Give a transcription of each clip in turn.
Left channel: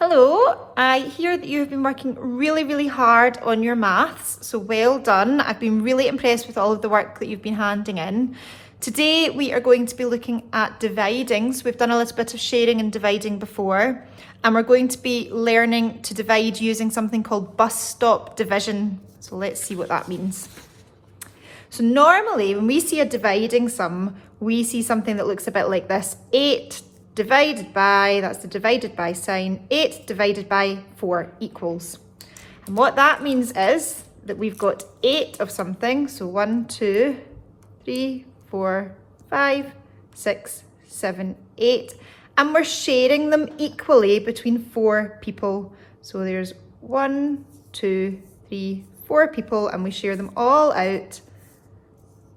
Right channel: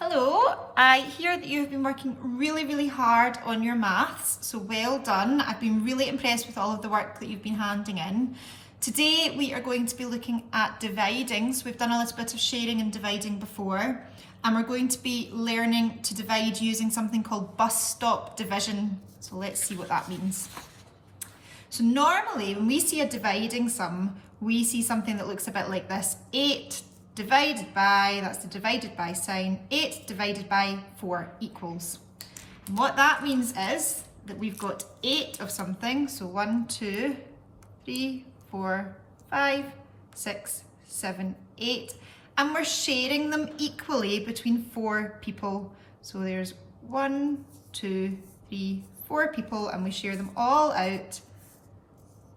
Hello, I hear that you've been working really hard on your maths, so well done. I've been really impressed with all of the work that you've been handing in. Today we are going to be looking at dividing, so we've done a little bit of sharing and dividing before, and we're going to be learning to divide using something called bus stop division. So let's see what that means. So normally when we see a dividing sum, we see something that looks a bit like this: 8 divided by, that's the divided by sign, 8 divided by 4 equals. And what that means is that we've got 8 of something, so 1, 2, 3, 4, 5, 6, 7, 8, and we're sharing them equally between 4 people. So there's 1, 2, 3, 4 people, and we share them all out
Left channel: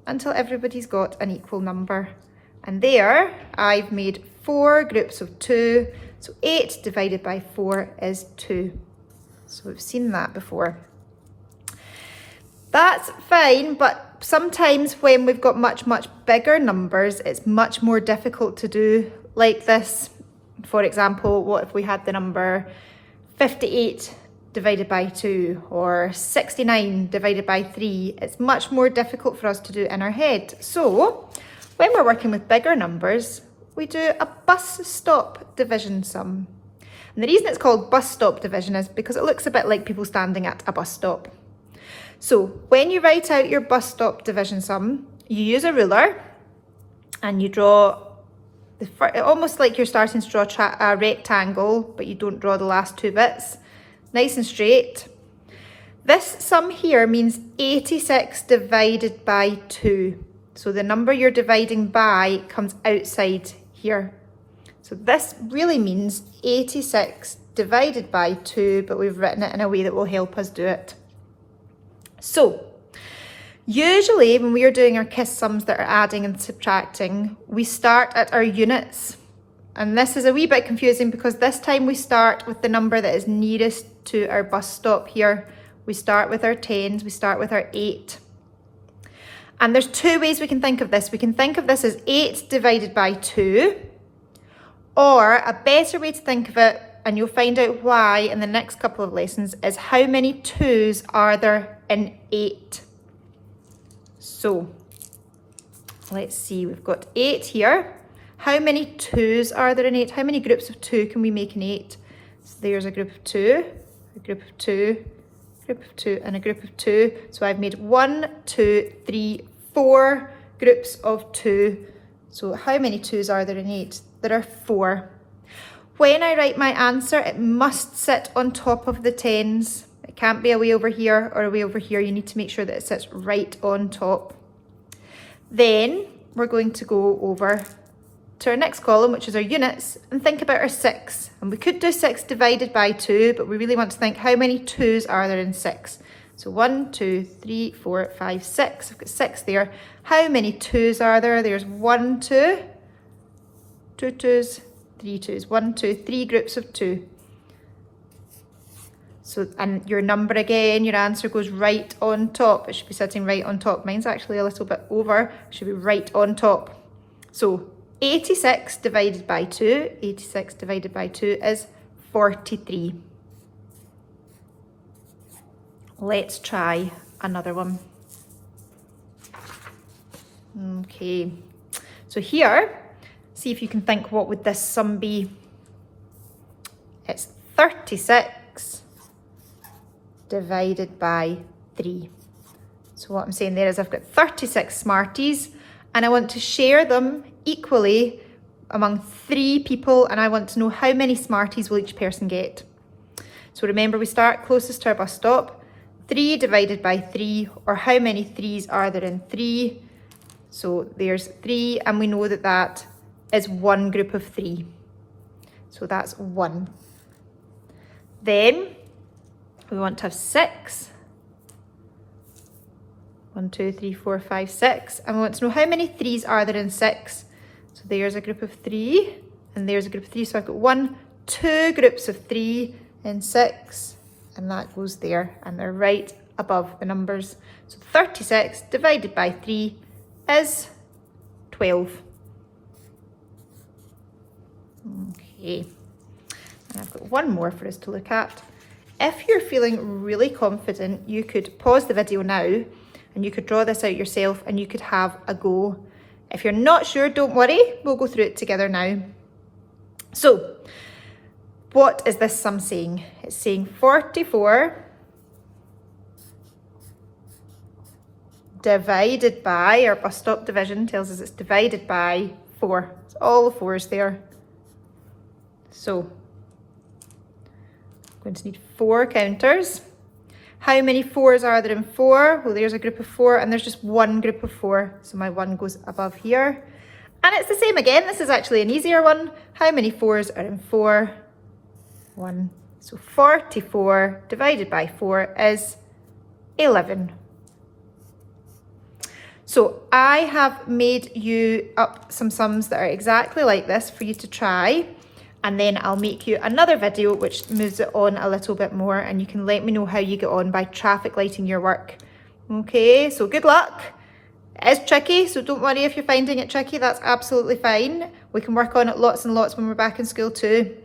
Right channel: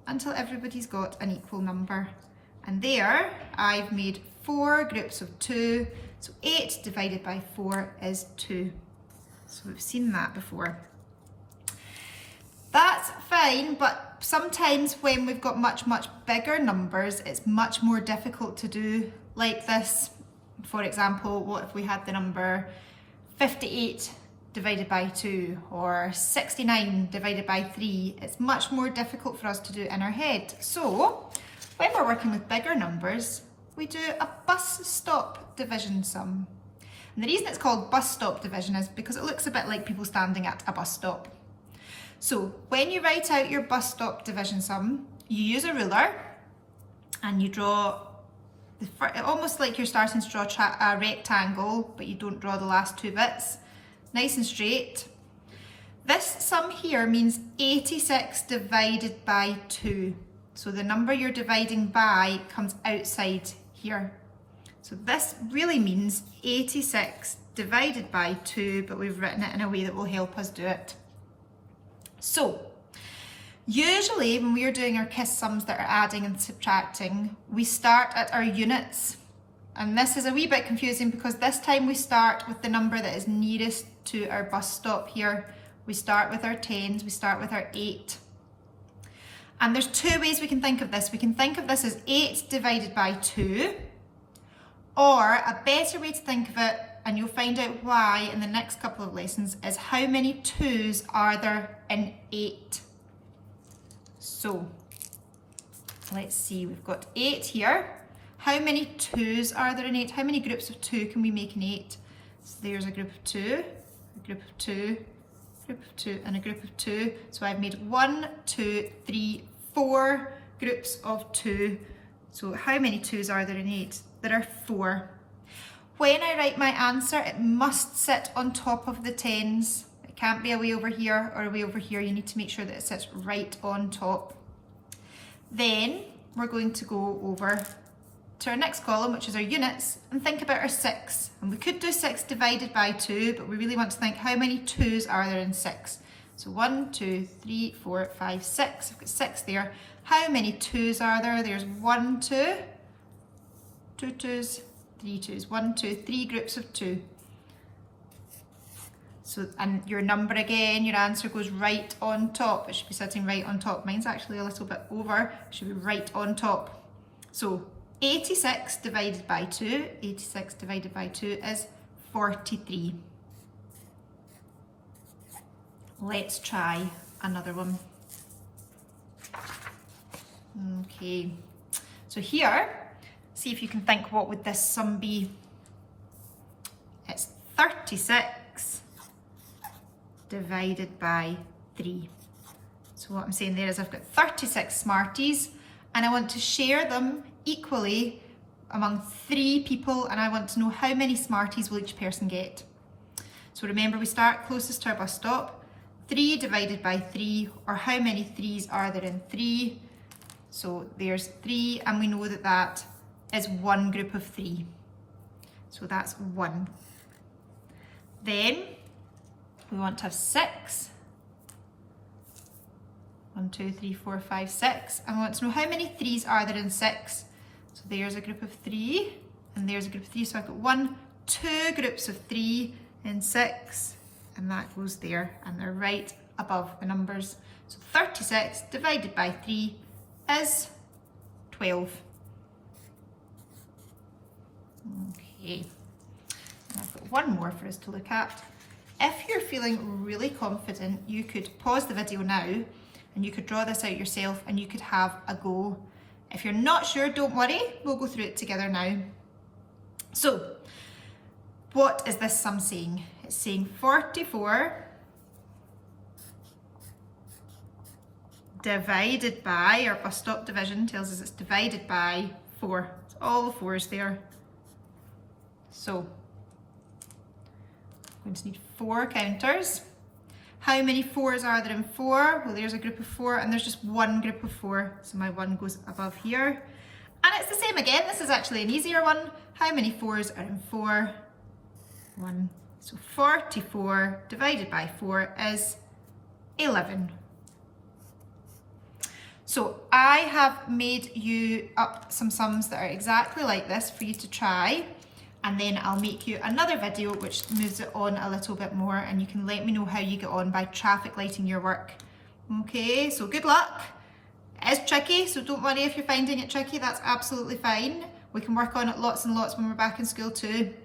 until everybody's got an equal number. And there I've made 4 groups of 2, so 8 divided by 4 is 2. So we've seen that before. That's fine, but sometimes when we've got much bigger numbers, it's much more difficult to do like this. For example, what if we had the number 58 divided by 2 or 69 divided by 3? It's much more difficult for us to do in our head. So when we're working with bigger numbers, we do a bus stop division sum. And the reason it's called bus stop division is because it looks a bit like people standing at a bus stop. So when you write out your bus stop division sum, you use a ruler and you draw, almost like you're starting to draw a rectangle, but you don't draw the last 2 bits. Nice and straight. This sum here means 86 divided by 2. So the number you're dividing by comes outside here. So this really means 86 divided by 2, but we've written it in a way that will help us do it. So usually when we are doing our KISS sums that are adding and subtracting, we start at our units. And this is a wee bit confusing because this time we start with the number that is nearest to our bus stop here. We start with our 10s, we start with our 8. And there's 2 ways we can think of this. We can think of this as 8 divided by 2, or a better way to think of it, and you'll find out why in the next couple of lessons, is how many 2s are there in 8? So let's see, we've got 8 here. How many 2s are there in 8? How many groups of 2 can we make in 8? So there's a group of 2, a group of 2, a group of 2, and a group of 2. So I've made 1, 2, 3, 4 groups of 2. So how many 2s are there in 8? There are 4. When I write my answer, it must sit on top of the 10s. It can't be a way over here or a way over here. You need to make sure that it sits right on top. Then we're going to go over to our next column, which is our units, and think about our 6. And we could do 6 divided by 2, but we really want to think how many 2s are there in 6. So 1, 2, 3, 4, 5, 6. I've got 6 there. How many 2s are there? There's 1, 2, 2 2s, 3 2s. 1, 2, 3 groups of 2. So, and your number again, your answer goes right on top. It should be sitting right on top. Mine's actually a little bit over. It should be right on top. So 86 divided by 2, 86 divided by 2 is 43. Let's try another one. Okay, so here, see if you can think, what would this sum be? It's 36 divided by 3. So what I'm saying there is I've got 36 Smarties and I want to share them equally among 3 people, and I want to know how many Smarties will each person get. So remember, we start closest to our bus stop. 3 divided by 3, or how many 3s are there in 3? So there's 3, and we know that that is 1 group of 3. So that's 1. Then we want to have 6. 1, 2, 3, 4, 5, 6. And we want to know how many 3s are there in 6. So there's a group of 3, and there's a group of 3. So I've got 1, 2 groups of 3 in 6, and that goes there, and they're right above the numbers. So 36 divided by 3 is 12. Okay. And I've got one more for us to look at. If you're feeling really confident, you could pause the video now and you could draw this out yourself and you could have a go. If you're not sure, don't worry, we'll go through it together now. So, what is this sum saying? It's saying 44 divided by, our bus stop division tells us it's divided by 4. It's all the 4s there. So, I'm going to need 4 counters. How many 4s are there in 4? Well, there's a group of 4 and there's just one group of 4. So my 1 goes above here. And it's the same again. This is actually an easier one. How many 4s are in 4? 1. So 44 divided by 4 is 11. So I have made you up some sums that are exactly like this for you to try. And then I'll make you another video which moves it on a little bit more and you can let me know how you get on by traffic lighting your work. Okay, so good luck. It is tricky, so don't worry if you're finding it tricky, that's absolutely fine. We can work on it lots and lots when we're back in school too.